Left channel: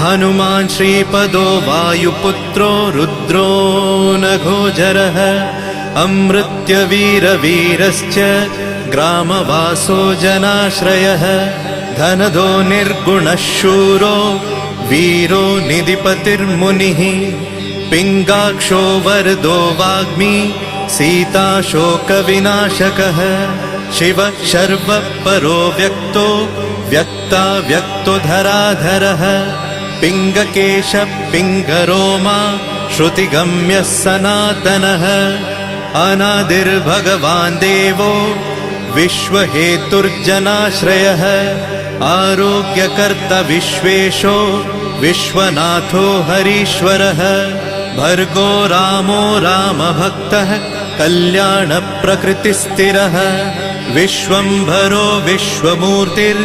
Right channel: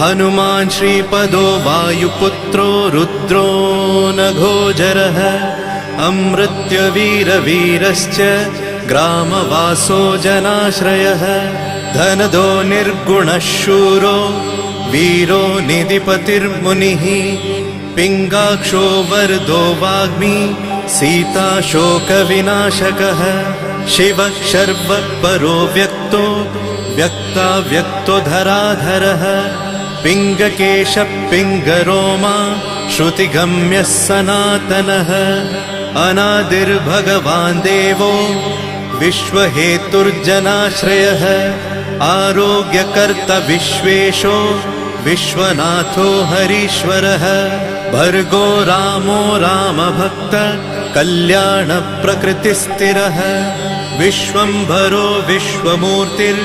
हनुमान् श्रीपदो वायुपुत्रो रुद्रो नघोजरः अमृत्यवीरवीरश्च ग्रामवासो जनाश्रयः धनदो निर्गुणः शूरो वीरो निधिपतिर्मुनिः पिङ्गाक्षो वरदो वाग्मी सीता शोकविनाशकः शिवः शर्वः परो व्यक्तो व्यक्तो धराधरः पिङ्गकेशः पिङ्गरोमा श्रुतिगम्यः सनातनः अनादिर्भगवान् देवो विश्वहेतुर्जनाश्रयः आरोग्यकर्ता विश्वेशो विश्वनाथो हरीश्वरः भर्गो रामो रामभक्तः कल्याणप्रकृतिस्थिरः विश्वम्भरो विश्वमूर्तिर्